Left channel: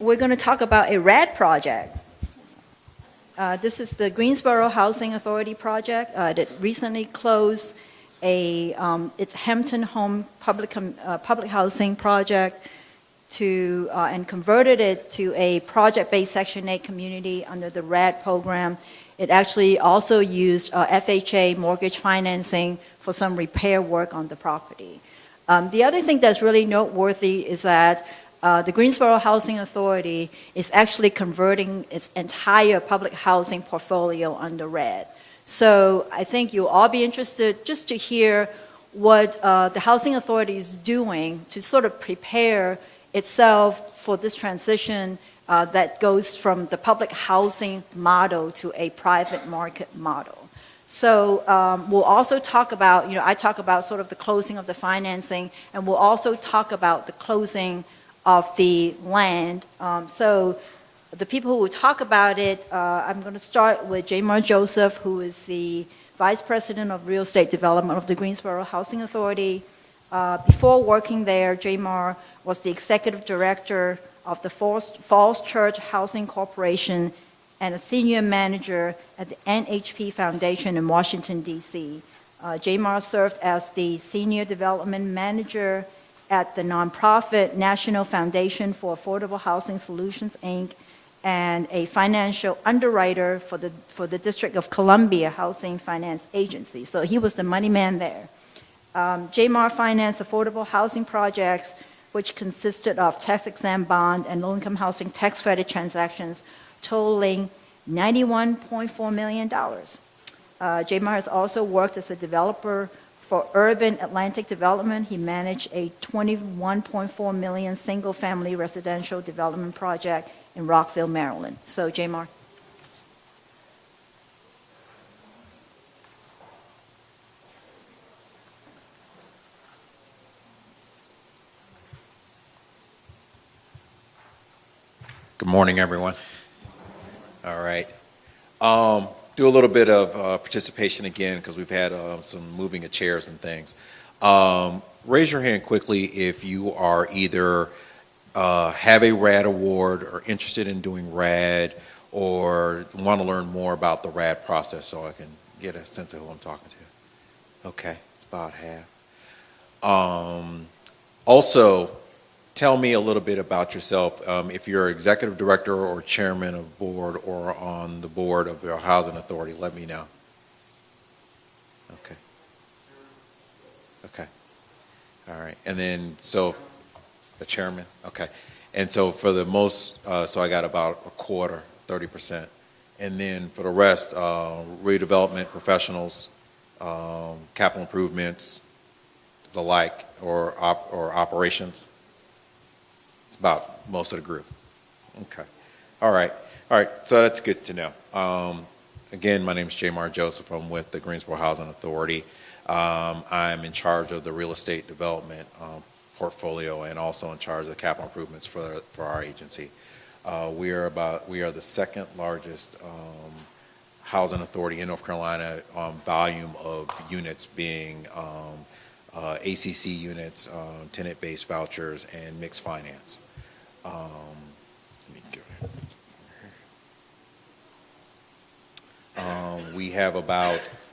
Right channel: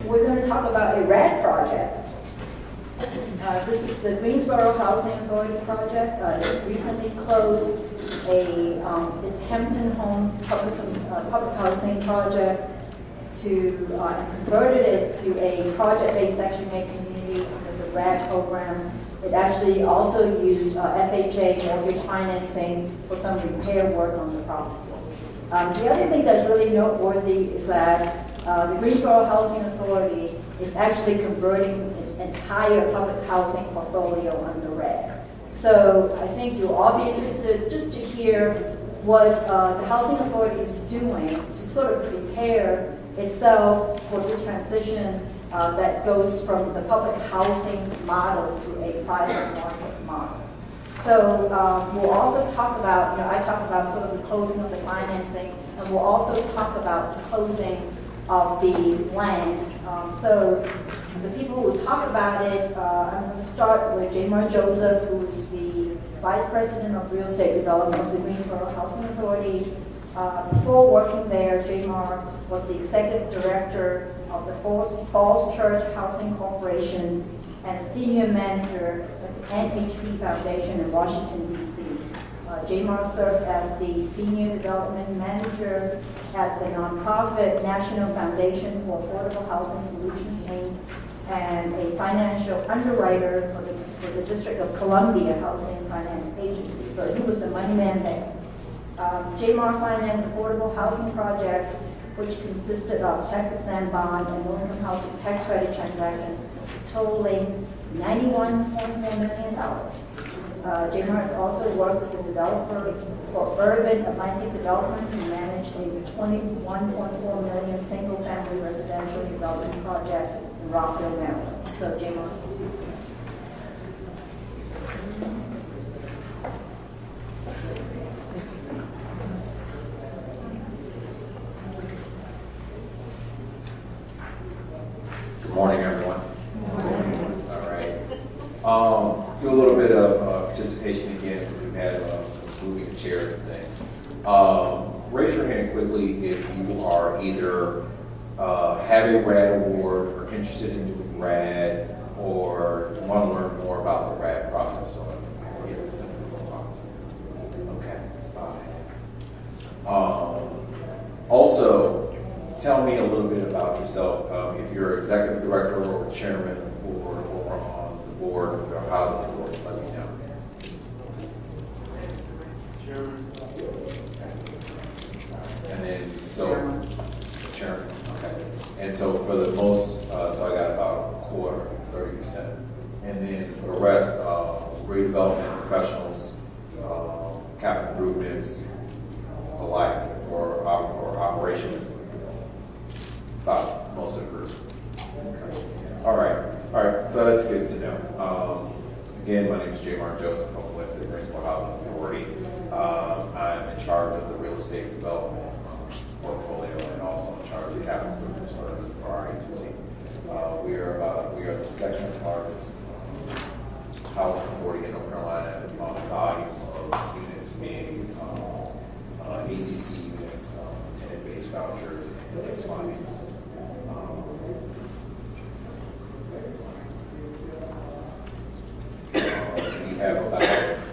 We're going to talk about a RAD project. This is the Greensboro Housing Authority project that recently closed it's Hampton Home public housing project and converted it to a project-based Section 8 community under the RAD program. It actually also used FHA mortgage financing for some repair work on the property. The other thing that's really noteworthy is that the Greensboro Housing Authority is actually converting its entire public housing portfolio under RAD. So I think you'll all be interested just to hear what the Housing Authority is doing to sort of prepare itself for this transition that goes from the public housing model to a private market model. So we'll also talk about, I talk about sort of the closing of the financing, and we'll also talk about the closing of the land. So the people who will talk about it, I'm going to start with Jaymar Joseph, who is the Vice President of Real Estate Development of the Greensboro Housing Authority. Before working there, Jaymar was the Executive Director of the Falls Church Housing Corporation and a Senior Manager at the NHP Foundation in Washington, D.C. Jaymar served as the Senior Development Manager at the nonprofit National Foundation for Affordable Housing Solutions, Inc., and a financial underwriter for the District of Columbia Housing Finance Agency. So he was the money man there. Jaymar financed affordable housing projects, which consisted of tax-exempt bond and low-income housing tax credit transactions totaling $91.4 million. Jaymar has also worked as a developer for Urban Atlantic Development. He managed a $21.4 million single-family residential development project in Rockville, Maryland. So, Jaymar. Good morning, everyone. All right. Do a little bit of participation again because we've had some moving of chairs and things. Raise your hand quickly if you are either have a RAD award or interested in doing RAD or want to learn more about the RAD process so I can get a sense of who I'm talking to. Okay, it's about half. Also, tell me a little bit about yourself. If you're executive director or chairman of the board or on the board of your housing authority, let me know. Okay. All right. And then, so, the chairman. Okay. And so for the most, so I got about a quarter, 30%. And then for the rest, redevelopment professionals, capital improvements, the like, or operations. About most of the group. Okay. All right, so that's good to know. Again, my name is Jaymar Joseph. I'm with the Greensboro Housing Authority. I'm in charge of the real estate development portfolio and also in charge of the capital improvements for our agency. We are the second largest housing authority in North Carolina on volume of units being ACC units, tenant-based vouchers, and mixed finance. We have about,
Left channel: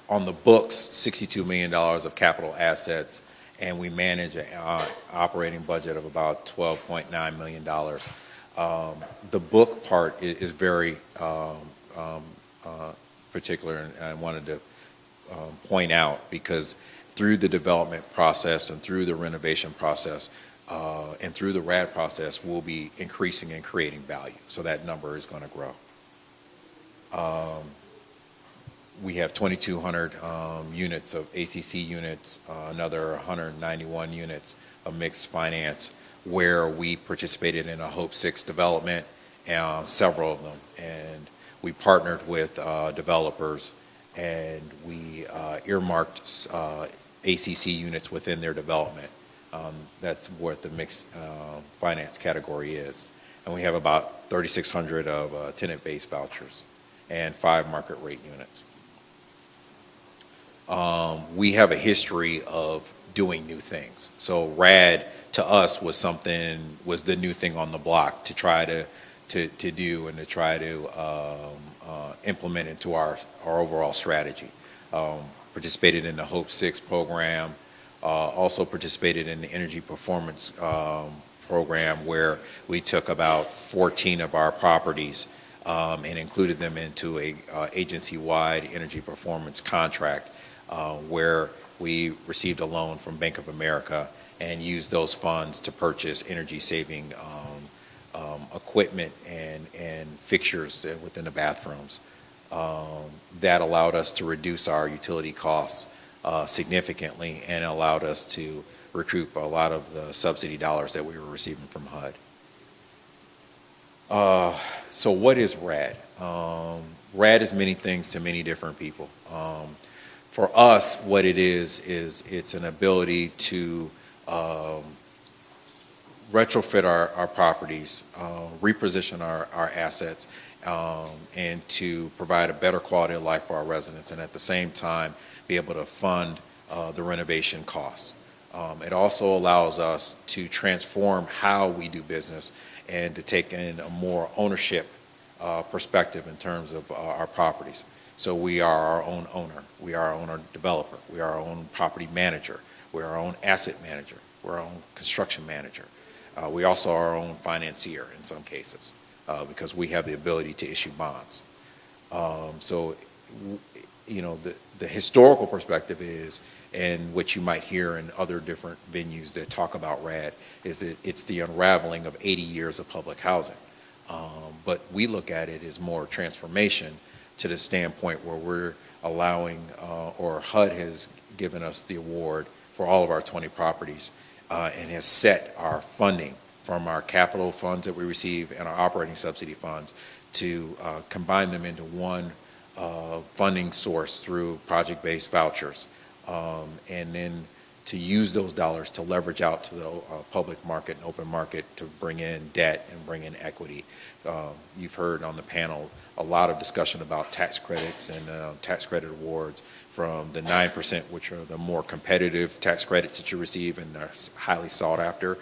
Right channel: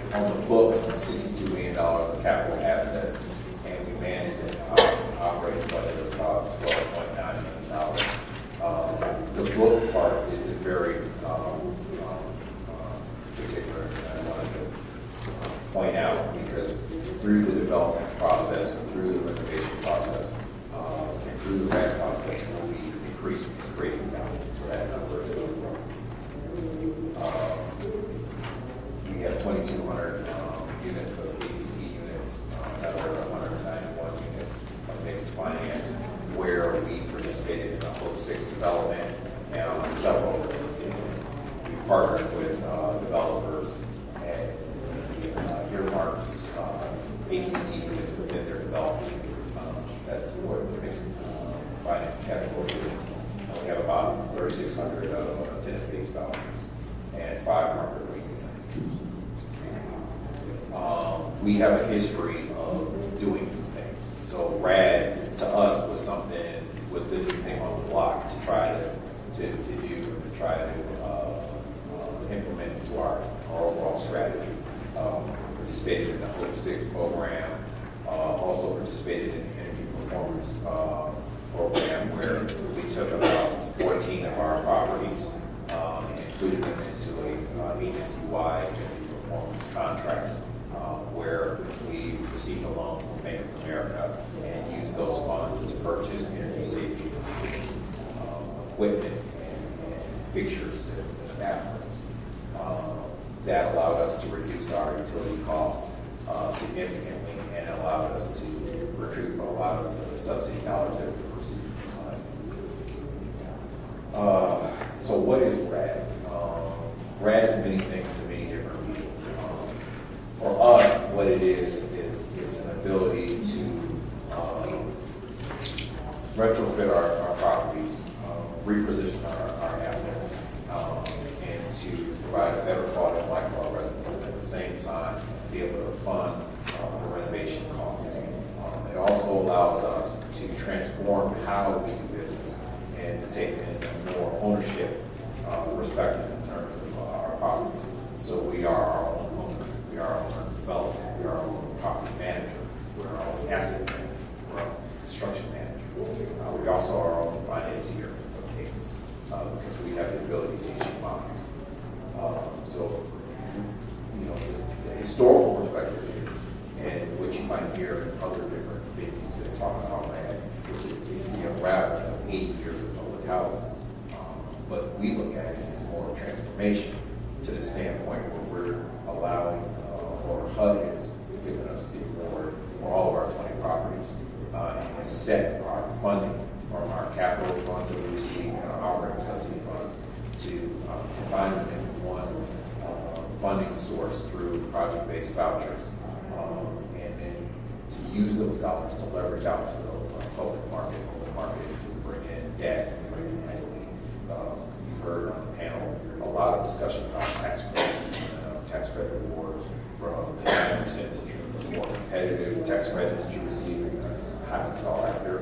on the books, $62 million of capital assets, and we manage an operating budget of about $12.9 million. The book part is very particular, and I wanted to point out because through the development process and through the renovation process and through the RAD process, we'll be increasing and creating value. So that number is going to grow. We have 2,200 units of ACC units, another 191 units of mixed finance, where we participated in a Hope 6 development, several, and we partnered with developers, and we earmarked ACC units within their development. That's what the mixed finance category is. And we have about 3,600 of tenant-based vouchers and 5 market rate units. We have a history of doing new things. So RAD to us was something was the new thing on the block to try to do and to try to implement into our overall strategy. Participated in the Hope 6 program, also participated in the energy performance program, where we took about 14 of our properties and included them into a agency-wide energy performance contract, where we received a loan from Bank of America and used those funds to purchase energy-saving equipment and fixtures within the bathrooms. That allowed us to reduce our utility costs significantly and allowed us to recoup a lot of the subsidy dollars that we were receiving from HUD. So what is RAD? RAD is many things to many different people. For us, what it is it's an ability to retrofit our properties, reposition our assets, and to provide a better quality of life for our residents, and at the same time be able to fund the renovation costs. It also allows us to transform how we do business and to take in a more ownership perspective in terms of our properties. So we are our own owner, we are our own developer, we are our own property manager, we're our own asset manager, we're our own construction manager. We also are our own financier in some cases, because we have the ability to issue bonds. So, you know, the historical perspective is, and what you might hear in other different venues that talk about RAD, is that it's the unraveling of 80 years of public housing. But we look at it as more transformation to the standpoint where we're allowing, or HUD has given us the award for all of our 20 properties, and has set our funding from our capital funds that we receive and our operating subsidy funds to combine them into one funding source through project-based vouchers, and then to use those dollars to leverage out to the public market, open market, to bring in debt and bring in equity. You've heard on the panel a lot of discussion about tax credits and tax credit awards, from the 9%, which are the more competitive tax credits that you receive and are highly sought after.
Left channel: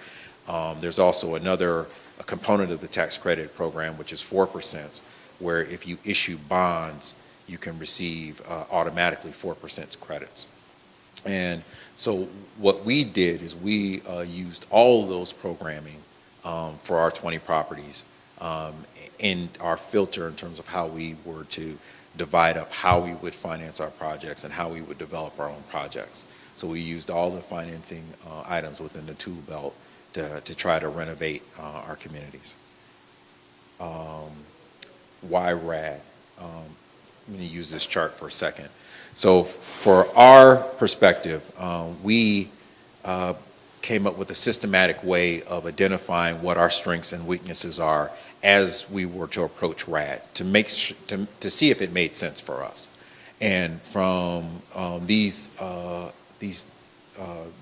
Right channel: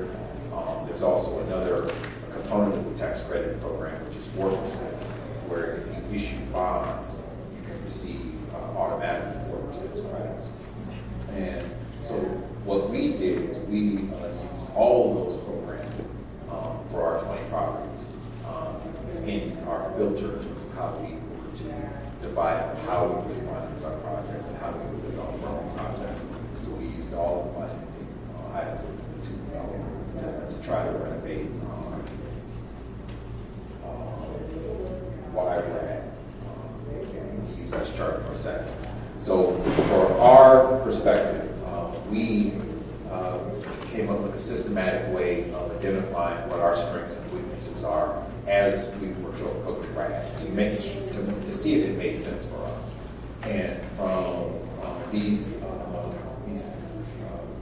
There's also another component of the tax credit program, which is 4%, where if you issue bonds, you can receive automatically 4% credits. And so what we did is we used all of those programming for our 20 properties in our filter in terms of how we were to divide up how we would finance our projects and how we would develop our own projects. So we used all the financing items within the tool belt to try to renovate our communities. Why RAD? Let me use this chart for a second. So for our perspective, we came up with a systematic way of identifying what our strengths and weaknesses are as we were to approach RAD, to see if it made sense for us. And from these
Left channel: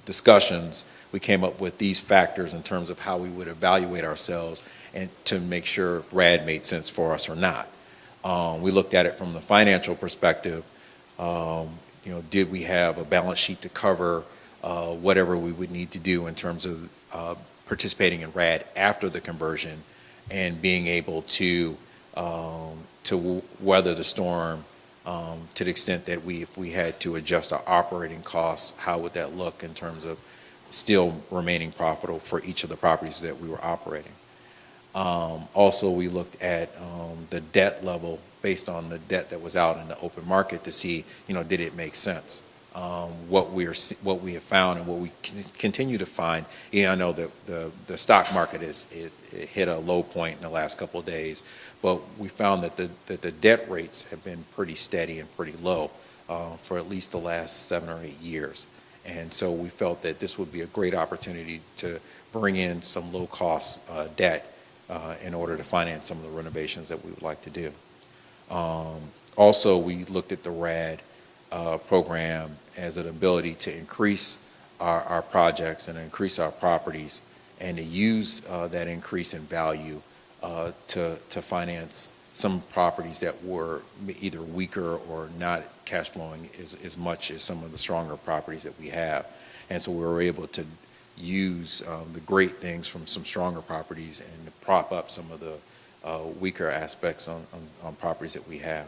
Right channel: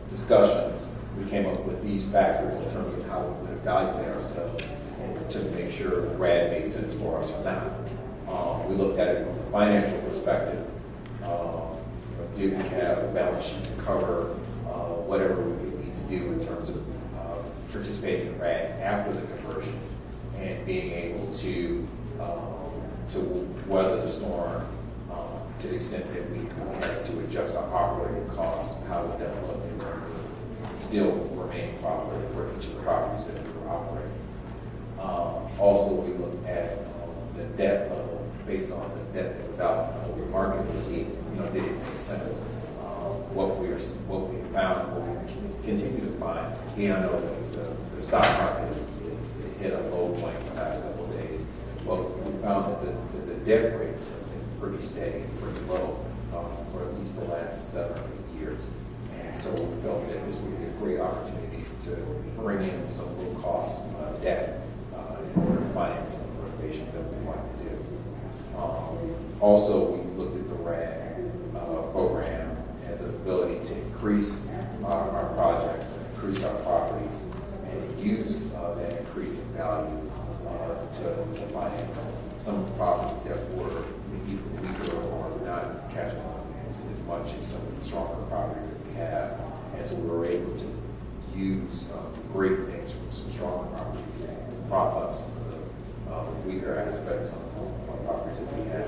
discussions, we came up with these factors in terms of how we would evaluate ourselves and to make sure RAD made sense for us or not. We looked at it from the financial perspective. Did we have a balance sheet to cover whatever we would need to do in terms of participating in RAD after the conversion, and being able to weather the storm to the extent that if we had to adjust our operating costs, how would that look in terms of still remaining profitable for each of the properties that we were operating. Also, we looked at the debt level based on the debt that was out in the open market to see, did it make sense? What we have found and what we continue to find, I know the stock market is hit a low point in the last couple of days, but we found that the debt rates have been pretty steady and pretty low for at least the last 7 or 8 years. And so we felt that this would be a great opportunity to bring in some low-cost debt in order to finance some of the renovations that we'd like to do. Also, we looked at the RAD program as an ability to increase our projects and increase our properties, and to use that increase in value to finance some properties that were either weaker or not cash flowing as much as some of the stronger properties that we have. And so we were able to use the great things from some stronger properties and prop up some of the weaker aspects on properties that we have.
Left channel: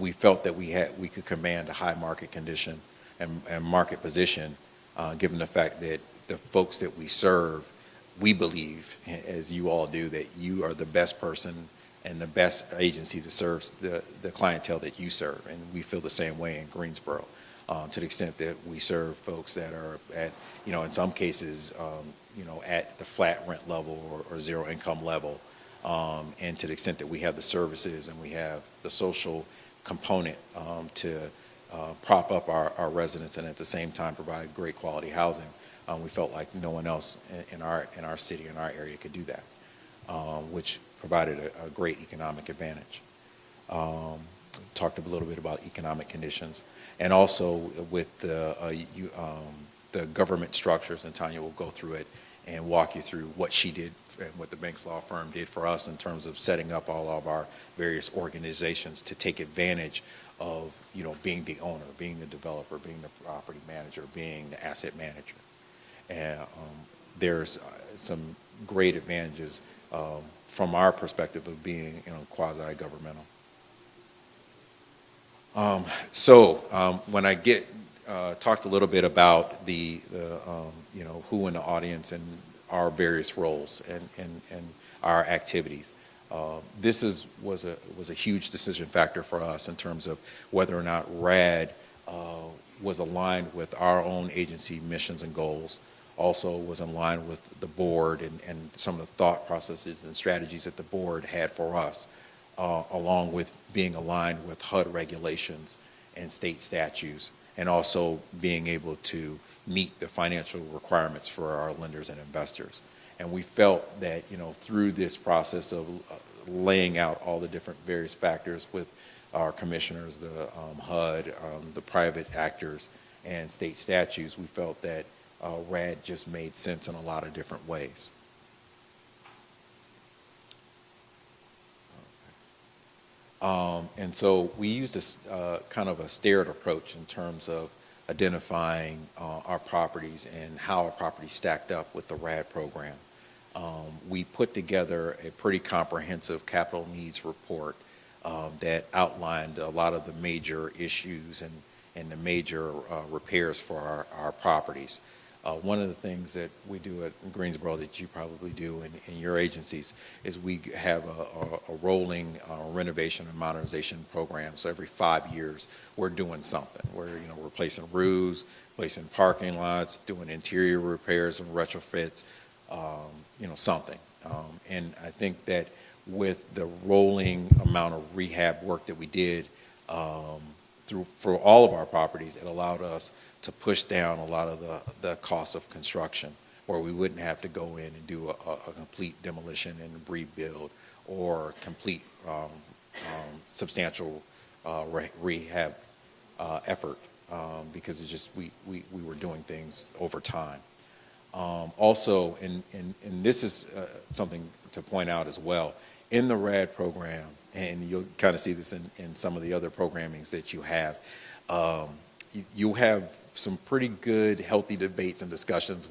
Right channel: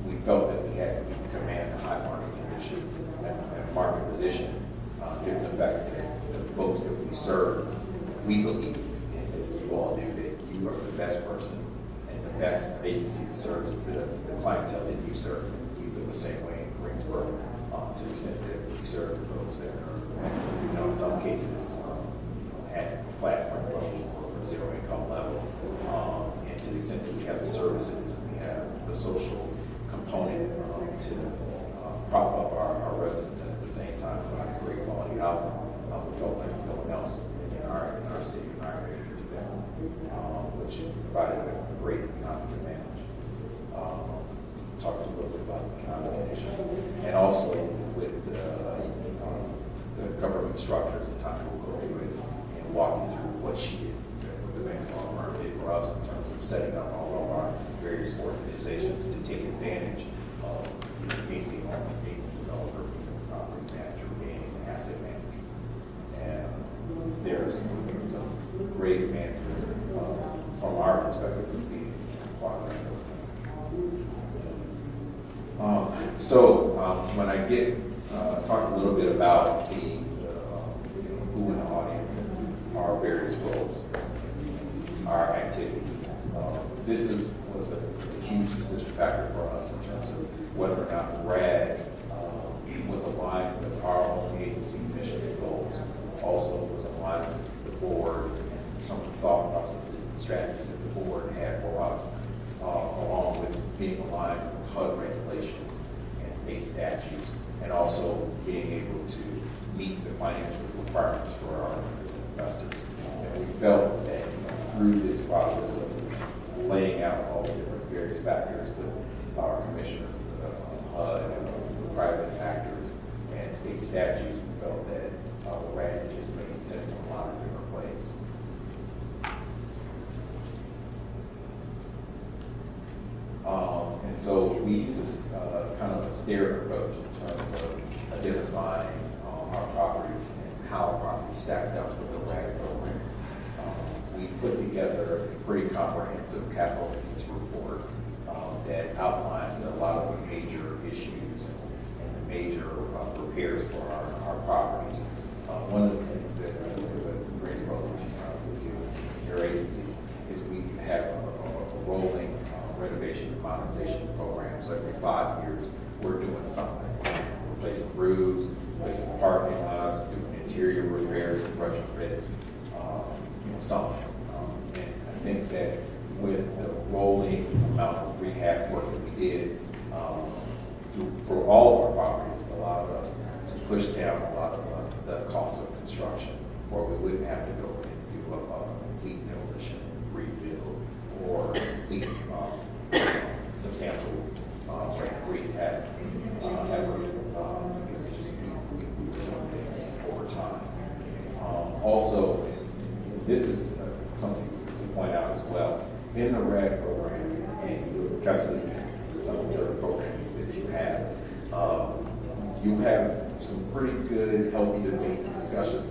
We felt that we could command a high market condition and market position, given the fact that the folks that we serve, we believe, as you all do, that you are the best person and the best agency that serves the clientele that you serve. And we feel the same way in Greensboro, to the extent that we serve folks that are at, in some cases, at the flat rent level or zero income level. And to the extent that we have the services and we have the social component to prop up our residents and at the same time provide great quality housing, we felt like no one else in our city, in our area could do that, which provided a great economic advantage. Talked a little bit about economic conditions, and also with the government structures, and Tanya will go through it and walk you through what she did, what the Banks Law Firm did for us in terms of setting up all of our various organizations to take advantage of being the owner, being the developer, being the property manager, being the asset manager. And there's some great advantages from our perspective of being quasi-governmental. When I talked a little bit about the who in the audience and our various roles and our activities, this was a huge decision factor for us in terms of whether or not RAD was aligned with our own agency missions and goals. Also was aligned with the board and some of the thought processes and strategies that the board had for us, along with being aligned with HUD regulations and state statutes, and also being able to meet the financial requirements for our lenders and investors. And we felt that through this process of laying out all the different various factors with our commissioners, the HUD, the private actors, and state statutes, we felt that RAD just made sense in a lot of different ways. And so we used this kind of a staggered approach in terms of identifying our properties and how our properties stacked up with the RAD program. We put together a pretty comprehensive capital needs report that outlined a lot of the major issues and the major repairs for our properties. One of the things that we do at Greensboro that you probably do in your agencies is we have a rolling renovation and modernization program. So every 5 years, we're doing something. We're replacing roofs, replacing parking lots, doing interior repairs and retrofits, something. And I think that with the rolling amount of rehab work that we did for all of our properties, it allowed us to push down a lot of the cost of construction, where we wouldn't have to go in and do a complete demolition and rebuild or complete substantial rehab effort, because it's just we were doing things over time. Also, and this is something to point out as well, in the RAD program, and you'll kind of see this in some of the other programmings that you have some pretty good, healthy debates and discussions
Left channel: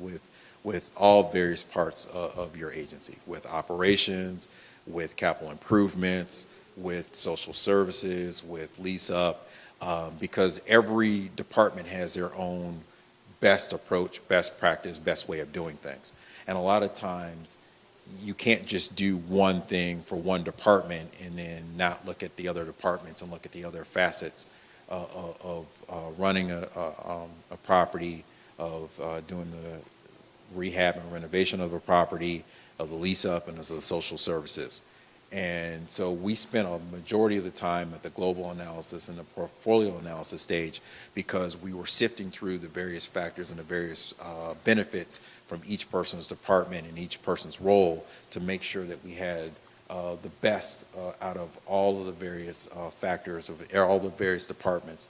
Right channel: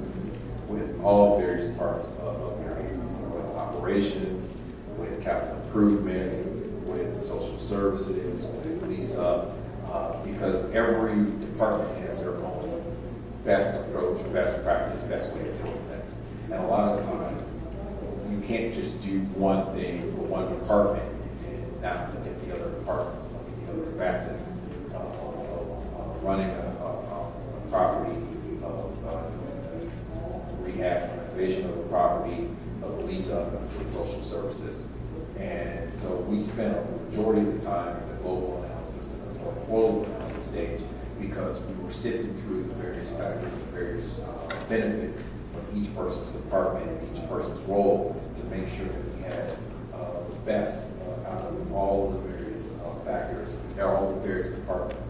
with all various parts of your agency, with operations, with capital improvements, with social services, with lease up, because every department has their own best approach, best practice, best way of doing things. And a lot of times, you can't just do one thing for one department and then not look at the other departments and look at the other facets of running a property, of doing a rehab and renovation of a property, of the lease up, and the social services. And so we spent a majority of the time in the global analysis and the portfolio analysis stage, because we were sifting through the various factors and the various benefits from each person's department and each person's role to make sure that we had the best out of all of the various factors of all the various departments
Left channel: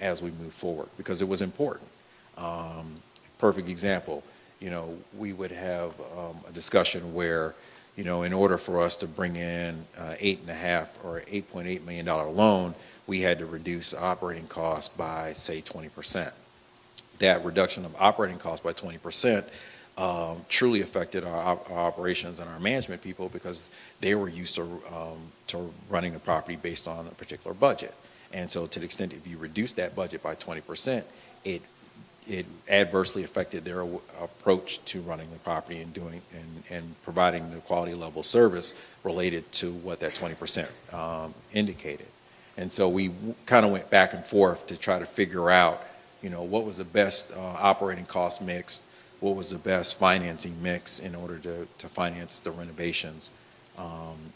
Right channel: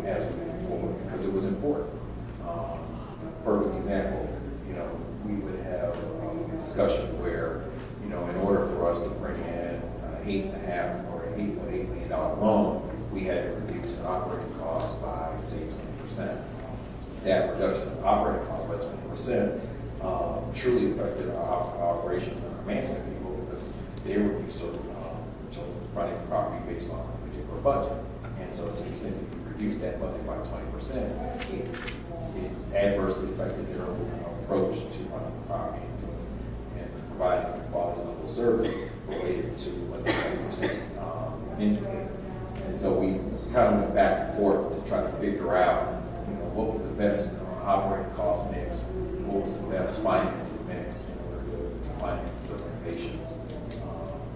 as we move forward, because it was important. Perfect example, we would have a discussion where, in order for us to bring in $8.5 or $8.8 million loan, we had to reduce operating costs by, say, 20%. that reduction of operating costs by 20% truly affected our operations and our management people, because they were used to running a property based on a particular budget. And so to the extent if you reduce that budget by 20%, it adversely affected their approach to running the property and providing the quality level of service related to what that 20% indicated. And so we kind of went back and forth to try to figure out, what was the best operating cost mix, what was the best financing mix in order to finance the renovations.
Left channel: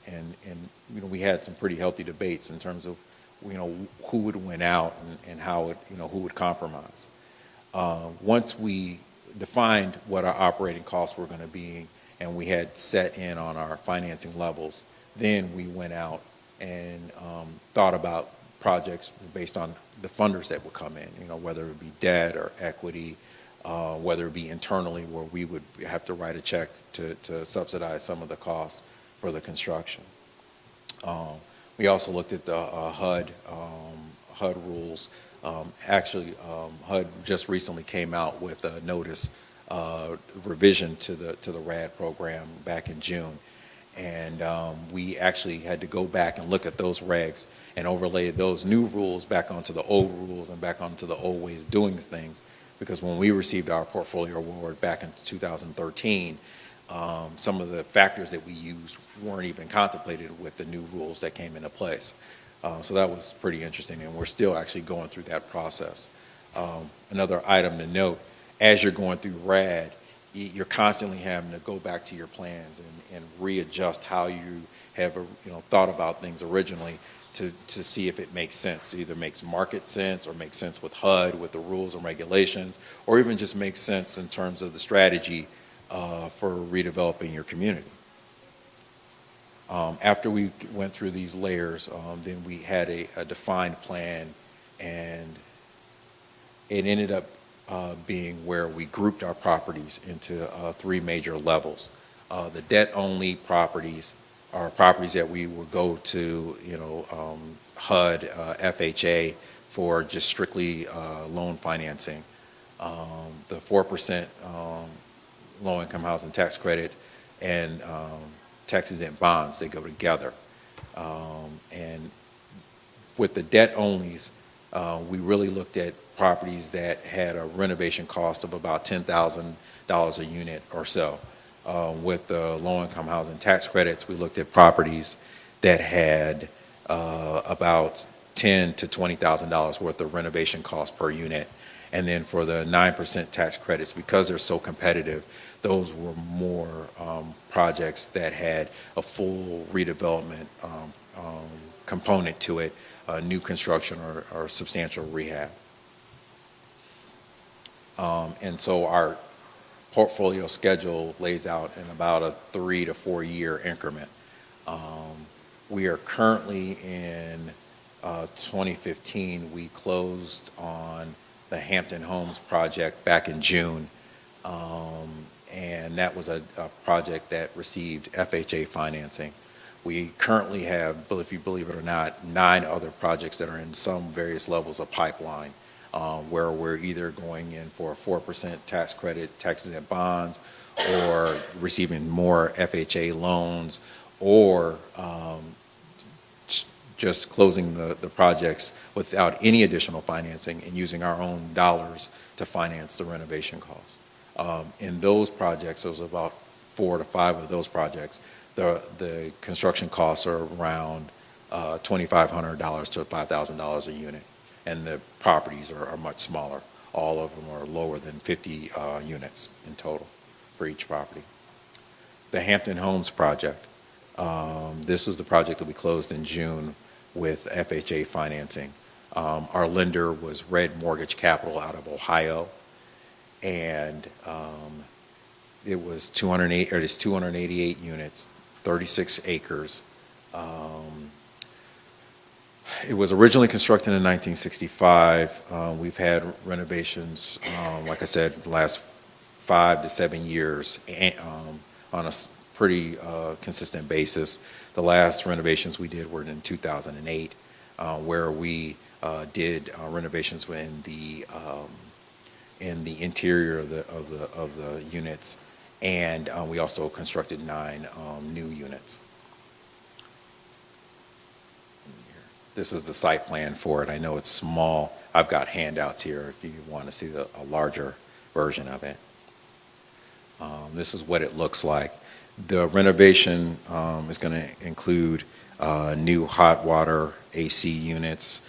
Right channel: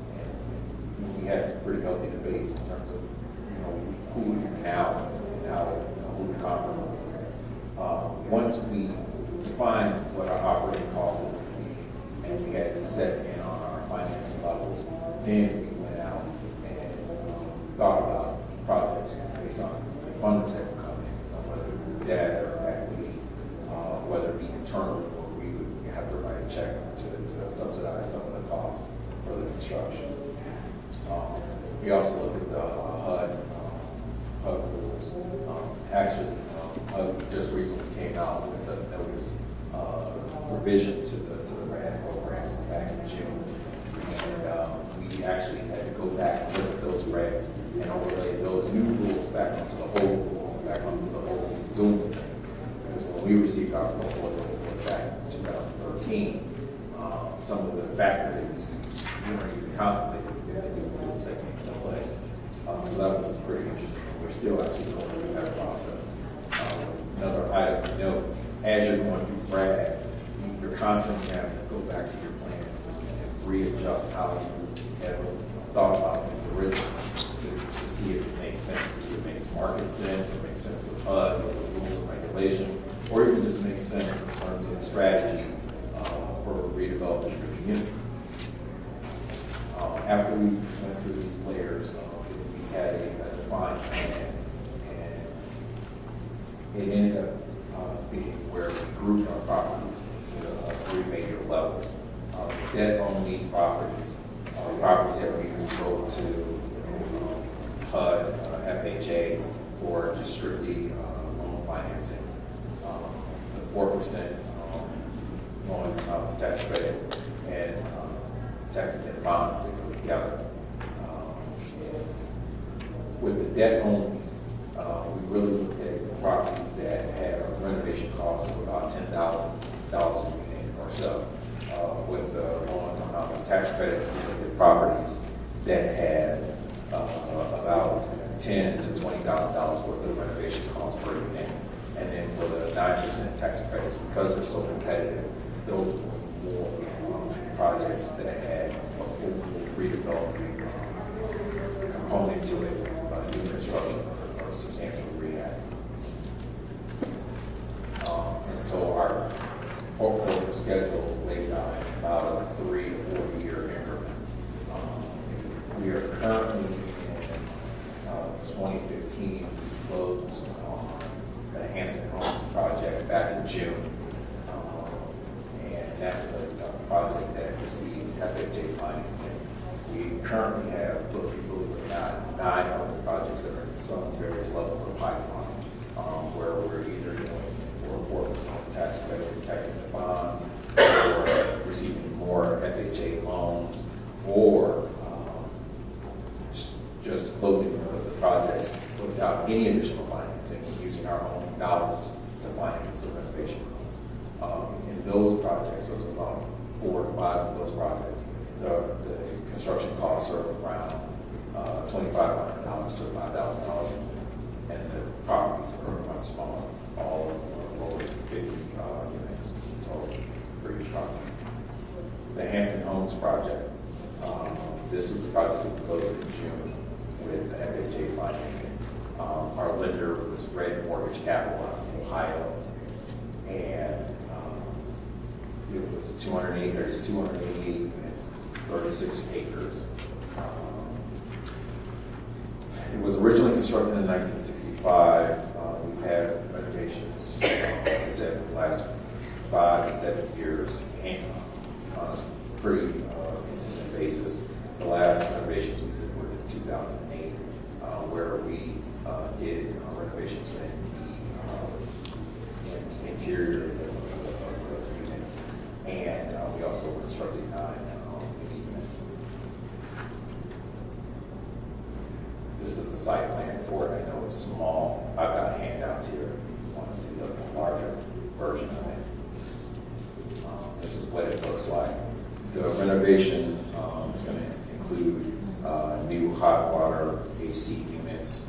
And we had some pretty healthy debates in terms of, who would win out and how, who would compromise. Once we defined what our operating costs were going to be, and we had set in on our financing levels, then we went out and thought about projects based on the funders that would come in, whether it be debt or equity, whether it be internally where we would have to write a check to subsidize some of the costs for the construction. We also looked at the HUD rules. Actually, HUD just recently came out with a notice revision to the RAD program back in June. And we actually had to go back and look at those regs and overlay those new rules back onto the old rules and back onto the old ways of doing things. Because when we received our portfolio report back in 2013, some of the factors that we used weren't even contemplated with the new rules that came into place. So that was pretty interesting, and we're still actually going through that process. Another item to note, as you're going through RAD, you're constantly having to go back to your plans and readjust how you have thought about things originally to see if it makes sense. It either makes market sense or makes sense with HUD, with the rules and regulations, or even just makes sense in terms of the strategy for redeveloping your community. After we went through these layers, then we had a defined plan, and it ended up being where we grouped our properties into three major levels. The debt-only properties are properties that we would go to, HUD, FHA for just strictly loan financing. The 4% low-income housing tax credit and tax-exempt bonds that go together. And with the debt-onlys, we really looked at properties that had a renovation cost of about $10,000 a unit or so. With the low-income housing tax credits, we looked at properties that had about $10,000 to $20,000 worth of renovation cost per unit. And then for the 9% tax credits, because they're so competitive, those were more projects that had a full redevelopment component to it, new construction or substantial rehab. And so our portfolio schedule lays out in about a 3 to 4 year increment. We are currently in 2015. We closed on the Hampton Homes project back in June. And that was a project that received FHA financing. We currently have, if you believe it or not, 9 other projects that are in some various levels of pipeline, where we're either going in for a 4% tax credit, tax-exempt bonds, or receiving more FHA loans, or just closing the projects without any additional financing and using our own dollars to finance the renovation costs. In those projects, there's about 4 to 5 of those projects. The construction costs are around $2,500 to $5,000 a unit, and the properties are much smaller. All of them are lower than 50 units in total for each property. The Hampton Homes project, this was the project that we closed in June with FHA financing. Our lender was Red Mortgage Capital out of Ohio, and it was 288 units, 36 acres. It was originally constructed in 1965. We've had renovations, like I said, the last 5 to 7 years on a pretty consistent basis. The last renovations we did were in 2008, where we did renovations in the in the interior of the units, and we also constructed 9 new units. This is the site plan for it. I know it's small. I've got handouts here if you want to see the larger version of it. This is what it looks like. The renovation is going to include new hot water AC units,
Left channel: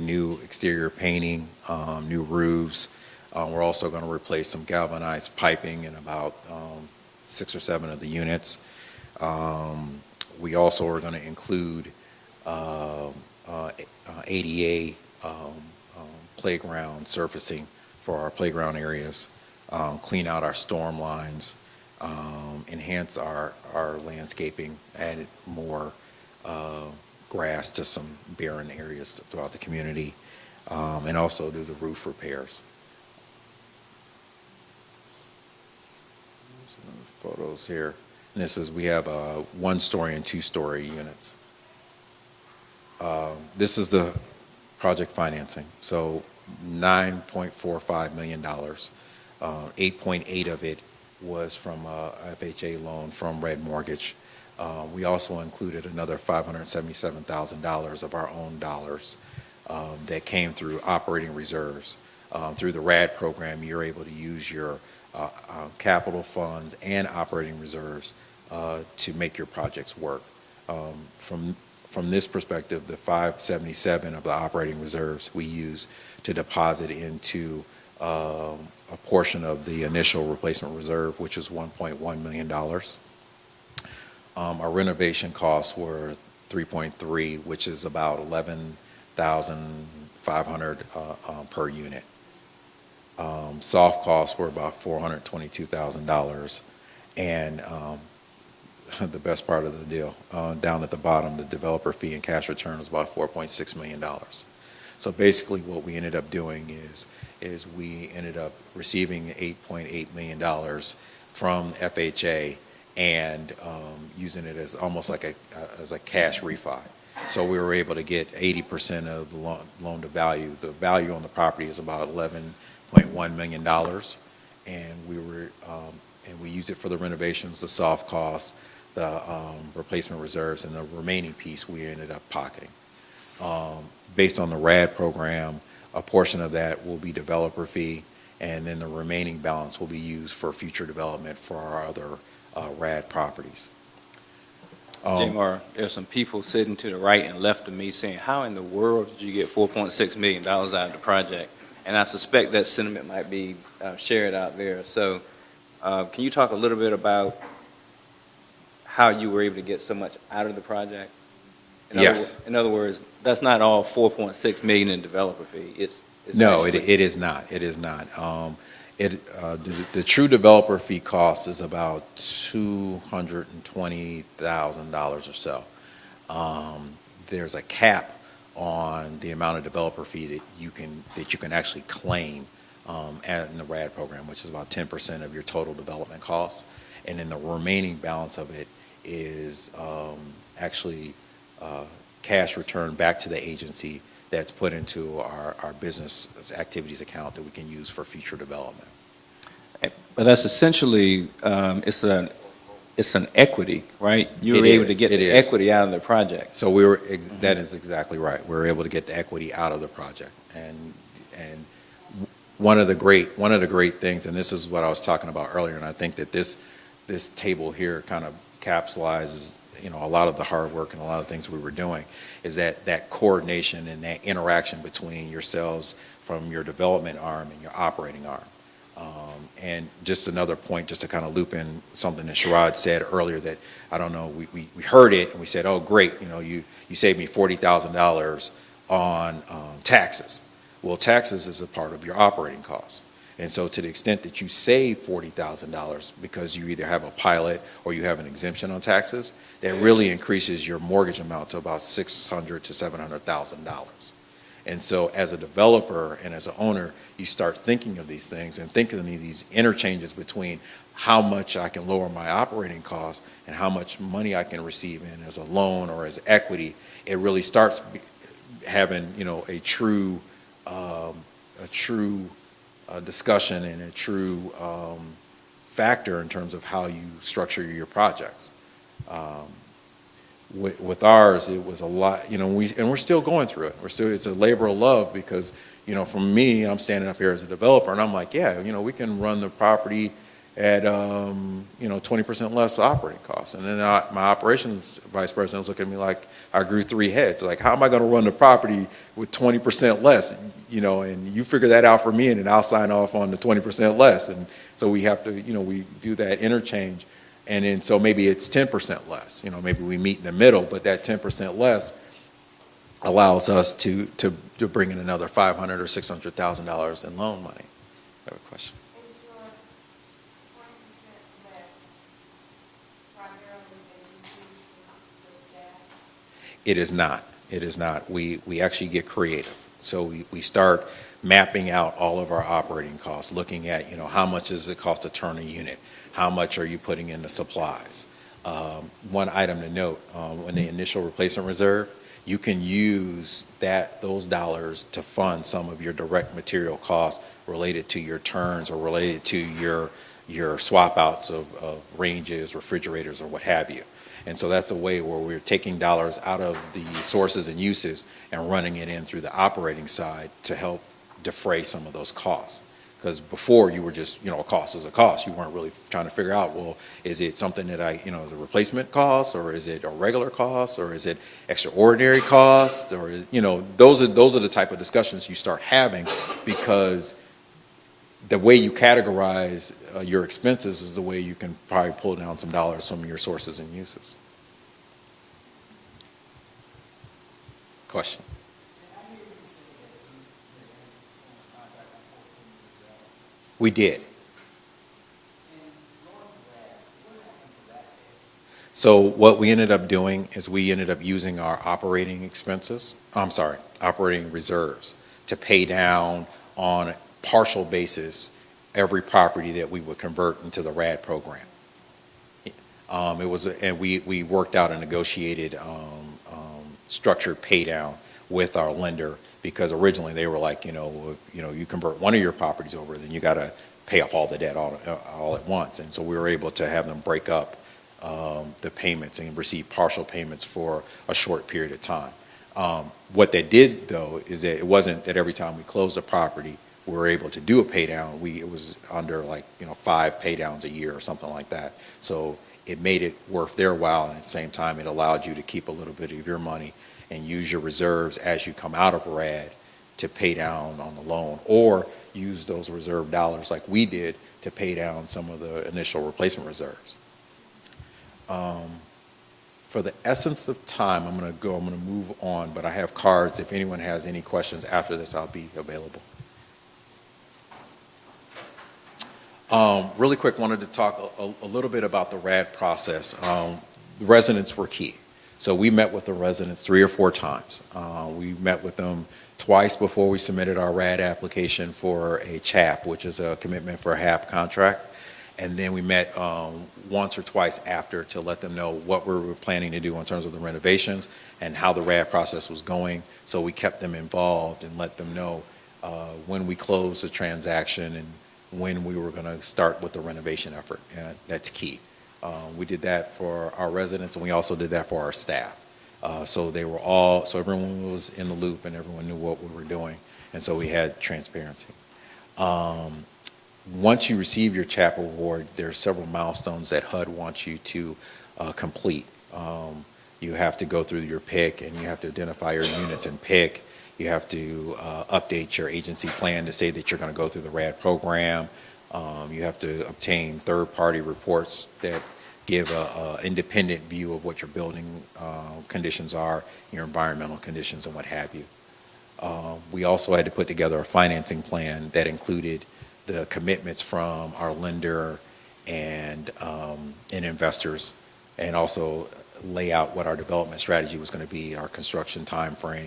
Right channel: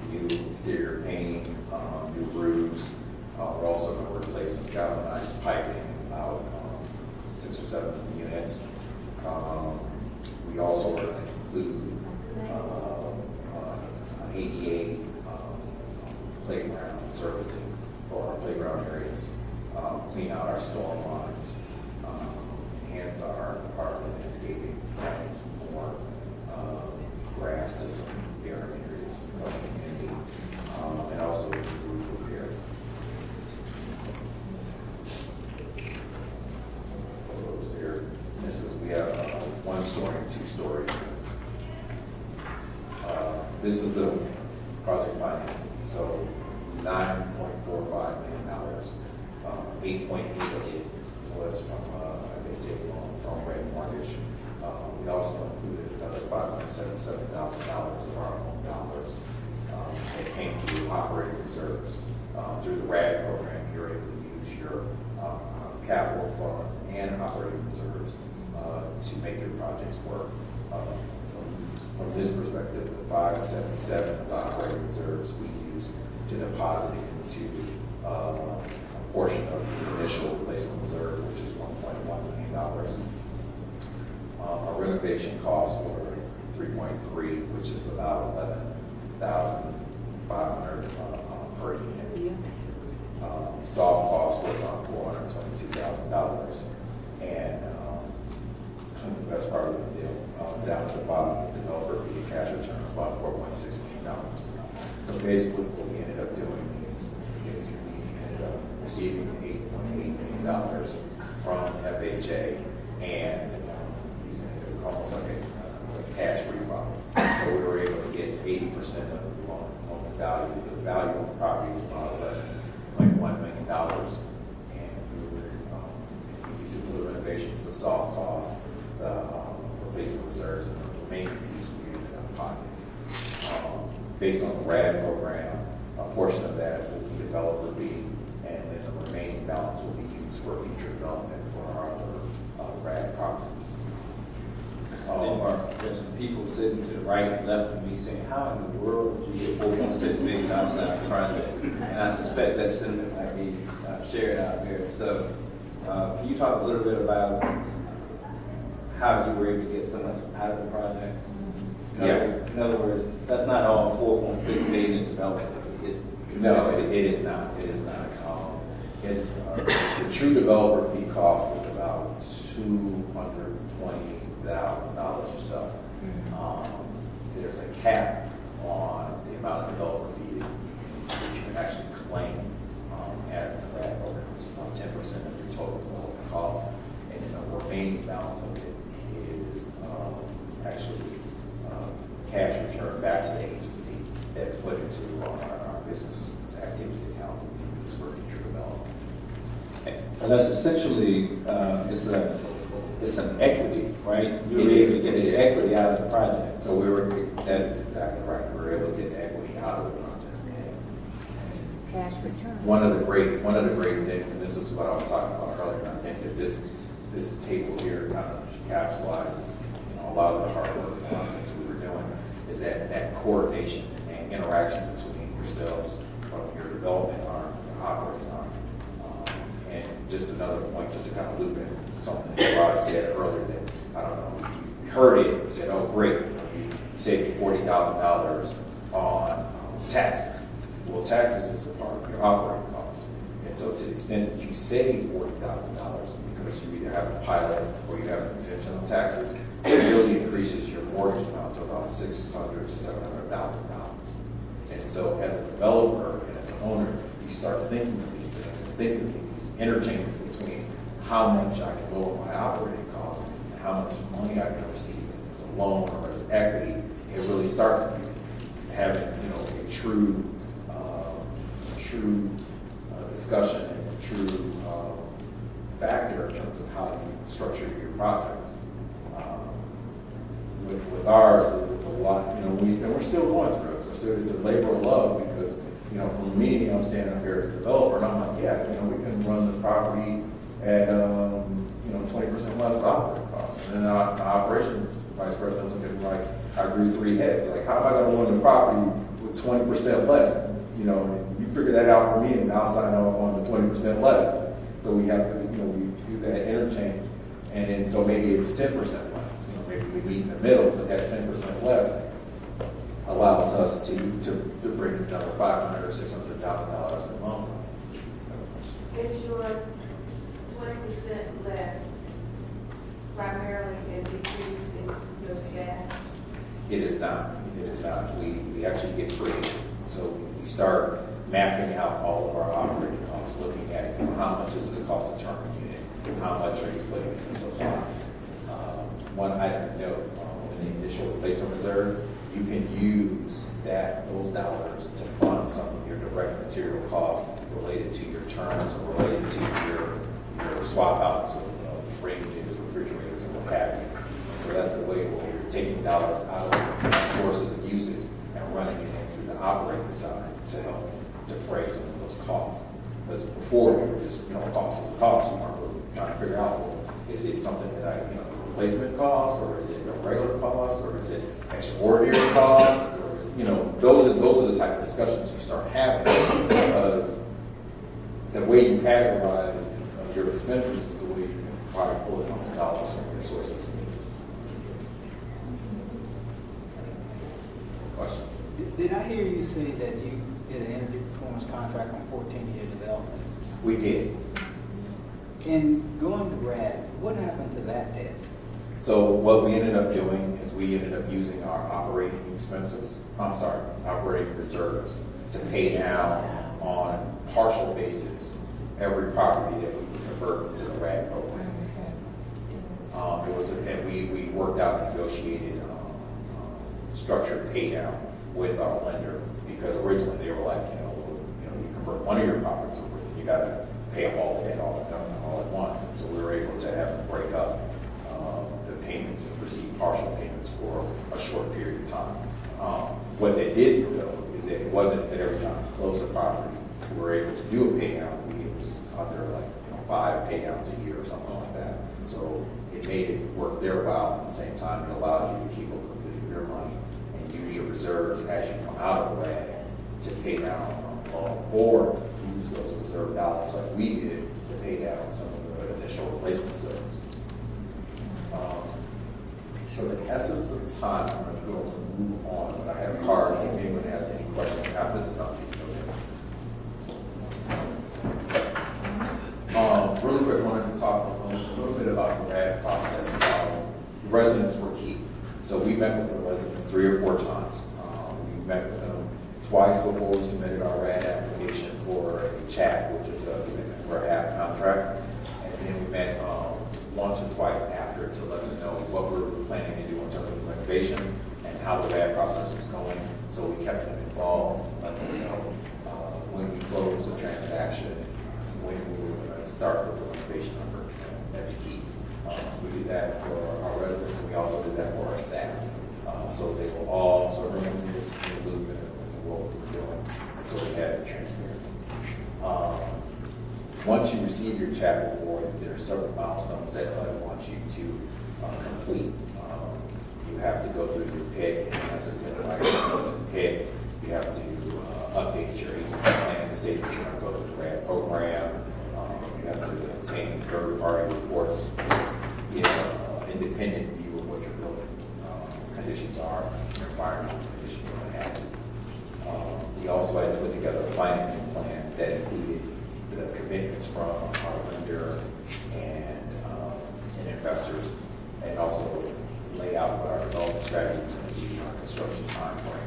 new exterior painting, new roofs. We're also going to replace some galvanized piping in about 6 or 7 of the units. We also are going to include ADA playground surfacing for our playground areas, clean out our storm lines, enhance our landscaping, add more grass to some barren areas throughout the community, and also do the roof repairs. Photos here. And this is, we have 1-story and 2-story units. This is the project financing. So $9.45 million. 8.8 of it was from FHA loan from Red Mortgage. We also included another $577,000 of our own dollars that came through operating reserves. Through the RAD program, you're able to use your capital funds and operating reserves to make your projects work. From this perspective, the $577 of the operating reserves we use to deposit into a portion of the initial replacement reserve, which is $1.1 million. Our renovation costs were 3.3, which is about $11,500 per unit. Soft costs were about $422,000, and the best part of the deal, down at the bottom, the developer fee and cash return is about $4.6 million. So basically, what we ended up doing is we ended up receiving $8.8 million from FHA and using it as almost like as a cash refi. So we were able to get 80% of the loan to value. The value on the property is about $11.1 million, and we used it for the renovations, the soft costs, the replacement reserves, and the remaining piece we ended up pocketing. Based on the RAD program, a portion of that will be developer fee, and then the remaining balance will be used for future development for our other RAD properties. Jaymar, there's some people sitting to the right and left of me saying, how in the world did you get $4.6 million out of the project? And I suspect that sentiment might be shared out there. So can you talk a little bit about how you were able to get so much out of the project? Yes. In other words, that's not all $4.6 million in developer fee. No, it is not. It is not. The true developer fee cost is about $220,000 or so. There's a cap on the amount of developer fee that you can actually claim in the RAD program, which is about 10% of your total development costs, and then the remaining balance of it is actually cash returned back to the agency that's put into our business activities account that we can use for future development. But that's essentially, it's an equity, right? You were able to get the equity out of the project. So that is exactly right. We were able to get the equity out of the project. And one of the great things, and this is what I was talking about earlier, and I think that this table here kind of capsulizes a lot of the hard work and a lot of things we were doing, is that coordination and that interaction between yourselves from your development arm and your operating arm. And just another point, just to kind of loop in something that Sherrod said earlier, that I don't know, we heard it and we said, oh great, you saved me $40,000 on taxes. Well, taxes is a part of your operating costs. And so to the extent that you save $40,000 because you either have a pilot or you have an exemption on taxes, it really increases your mortgage amount to about $600,000 to $700,000. And so as a developer and as an owner, you start thinking of these things and thinking of these interchanges between how much I can lower my operating costs and how much money I can receive in as a loan or as equity. It really starts having, a true discussion and a true factor in terms of how you structure your projects. With ours, it was a lot, and we're still going through it. It's a labor of love because, for me, I'm standing up here as a developer, and I'm like, yeah, we can run the property at, 20% less operating costs. And then my operations vice president look at me like I grew 3 heads. Like, how am I going to run the property with 20% less? And you figure that out for me, and then I'll sign off on the 20% less. And so we have to, we do that interchange. And then, so maybe it's 10% less, maybe we meet in the middle, but that 10% less allows us to bring in another $500,000 or $600,000 in loan money. You have a question? Is your 20% less primarily a decrease in your staff? It is not. It is not. We actually get creative. So we start mapping out all of our operating costs, looking at, how much does it cost to turn a unit? How much are you putting into supplies? One item to note, when the initial replacement reserve, you can use those dollars to fund some of your direct material costs related to your turns or related to your swap outs of ranges, refrigerators, or what have you. And so that's a way where we're taking dollars out of the sources and uses and running it in through the operating side to help defray some of those costs. Because before you were just, a cost is a cost. You weren't really trying to figure out, well, is it something that is a replacement cost, or is it a regular cost, or is it extraordinary cost, or those are the type of discussions you start having, because the way you categorize your expenses is the way you can probably pull down some dollars from your sources and uses. Question? Did I hear you say that you did an energy performance contract on 14-year development? We did. In going to RAD, what happened to that debt? So what we ended up doing is we ended up using our operating reserves to pay down on a partial basis every property that we would convert into the RAD program. And we worked out a negotiated structured pay down with our lender, because originally they were like, you convert one of your properties over, then you got to pay off all the debt all at once. And so we were able to have them break up the payments and receive partial payments for a short period of time. What that did, though, is that it wasn't that every time we closed a property we were able to do a pay down. It was under 5 pay downs a year or something like that. So it made it worth their while, and at the same time it allowed you to keep a little bit of your money and use your reserves as you come out of RAD to pay down on the loan, or use those reserve dollars like we did to pay down some of the initial replacement reserves. For the essence of time, I'm going to move on, but I have cards. If anyone has any questions after this, I'll be available. Really quick, wanted to talk a little bit about the RAD process. Residents were key. So we met with the residents 3 or 4 times. We met with them twice before we submitted our RAD application for a CHAP, which is a commitment for a HAP contract. And then we met once or twice after to let them know what we were planning to do in terms of the renovations and how the RAD process was going. So we kept them involved and let them know when we closed the transaction and when we were going to start with the renovation effort. And that's key. We did that for our residents, and we also did that for our staff. So everyone was in the loop and everyone knew what we were doing. And so we had transparency. Once you receive your CHAP award, there are several milestones that HUD wants you to complete. You have to go through your PIC, and you have to identify your units in PIC. You have to update your agency plan to say that you're going to go through the RAD program. You have to obtain third-party reports that give an independent view of what your building conditions are, your environmental conditions, and what have you. We also had to put together a financing plan that included the commitments from our lender and investors, and also lay out what our development strategy was going to be, our construction time frame,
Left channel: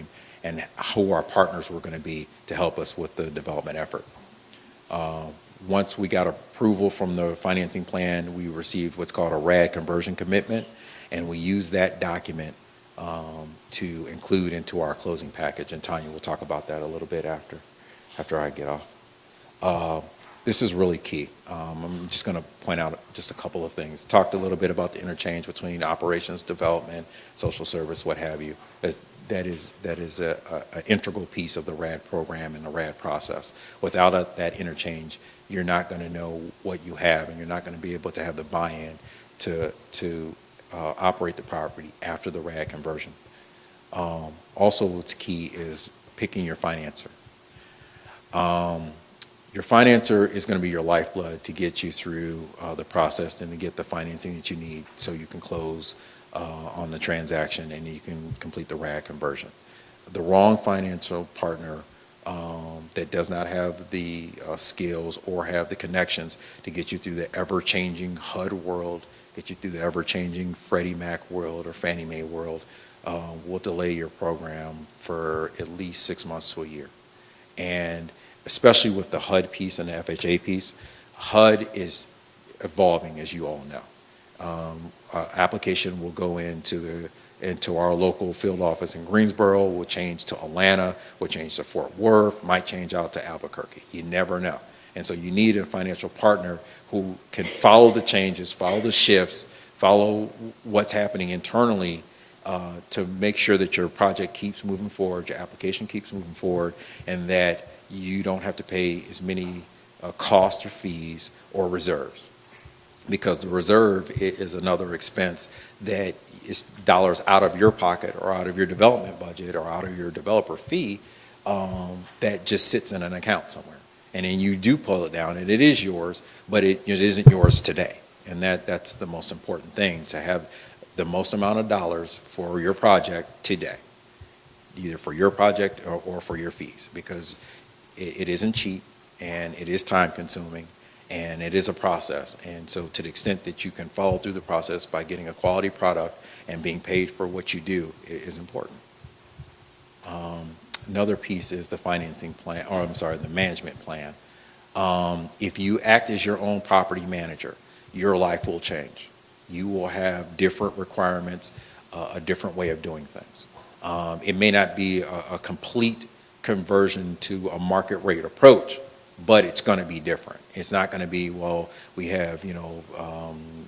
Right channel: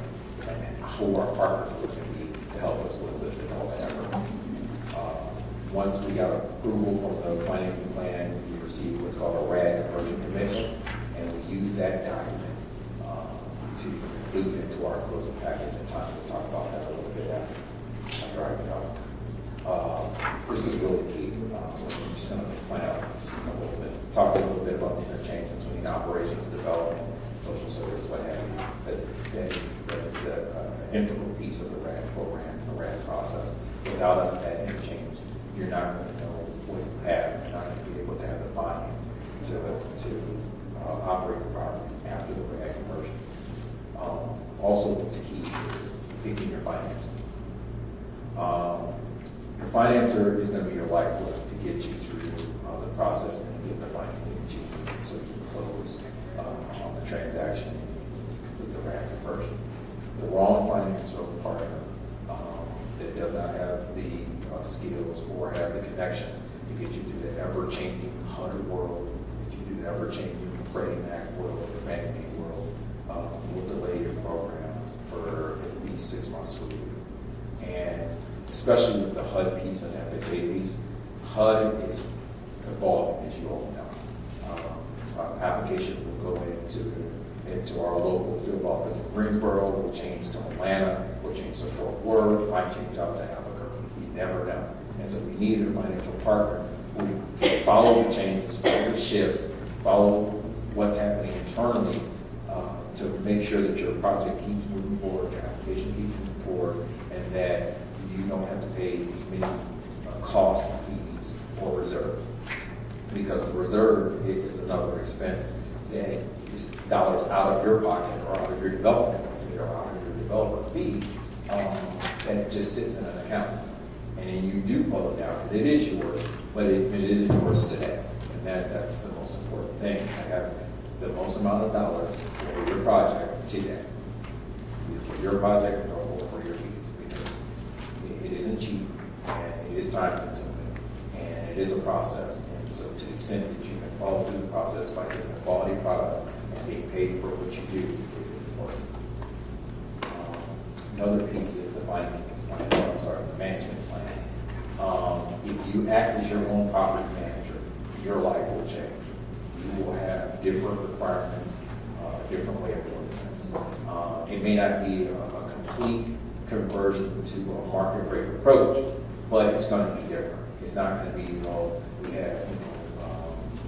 and who our partners were going to be to help us with the development effort. Once we got approval from the financing plan, we received what's called a RAD conversion commitment, and we used that document to include into our closing package, and Tanya will talk about that a little bit after I get off. This is really key. I'm just going to point out just a couple of things. Talked a little bit about the interchange between operations, development, social service, what have you. That is an integral piece of the RAD program and the RAD process. Without that interchange, you're not going to know what you have, and you're not going to be able to have the buy-in to operate the property after the RAD conversion. Also, what's key is picking your financer. Your financer is going to be your lifeblood to get you through the process and to get the financing that you need so you can close on the transaction and you can complete the RAD conversion. The wrong financial partner that does not have the skills or have the connections to get you through the ever-changing HUD world, get you through the ever-changing Freddie Mac world or Fannie Mae world, will delay your program for at least 6 months to a year. And especially with the HUD piece and the FHA piece, HUD is evolving, as you all know. Application will go into our local field office in Greensboro, will change to Atlanta, will change to Fort Worth, might change out to Albuquerque. You never know. And so you need a financial partner who can follow the changes, follow the shifts, follow what's happening internally to make sure that your project keeps moving forward, your application keeps moving forward, and that you don't have to pay as many costs or fees or reserves. Because the reserve is another expense that is dollars out of your pocket or out of your development budget or out of your developer fee that just sits in an account somewhere. And then you do pull it down and it is yours, but it isn't yours today. And that's the most important thing, to have the most amount of dollars for your project today, either for your project or for your fees, because it isn't cheap and it is time consuming and it is a process. And so to the extent that you can follow through the process by getting a quality product and being paid for what you do is important. Another piece is the financing plan, the management plan. If you act as your own property manager, your life will change. You will have different requirements, a different way of doing things. It may not be a complete conversion to a market rate approach, but it's going to be different. It's not going to be, well, we have,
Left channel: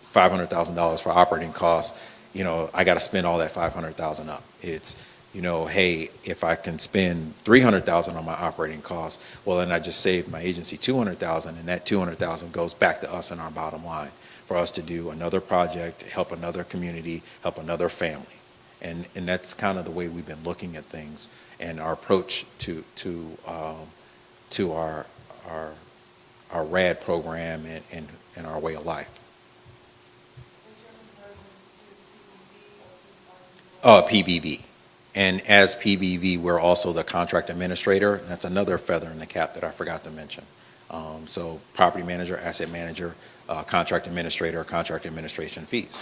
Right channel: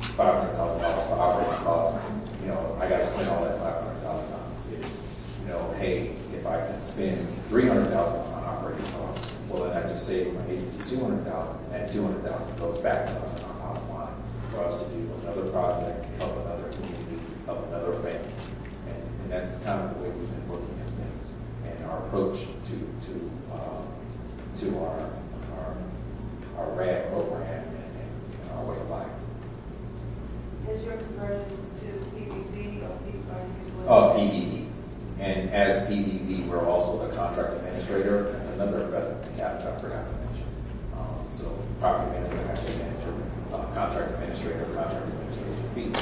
$500,000 for operating costs. I got to spend all that $500,000 up. It's, hey, if I can spend $300,000 on my operating costs, well, then I just saved my agency $200,000, and that $200,000 goes back to us in our bottom line for us to do another project, help another community, help another family. And that's kind of the way we've been looking at things and our approach to our RAD program and our way of life. Is your conversion to PBB or PBB? PBB. And as PBB, we're also the contract administrator. That's another feather in the cap that I forgot to mention. So property manager, asset manager, contract administrator, contract administration fees.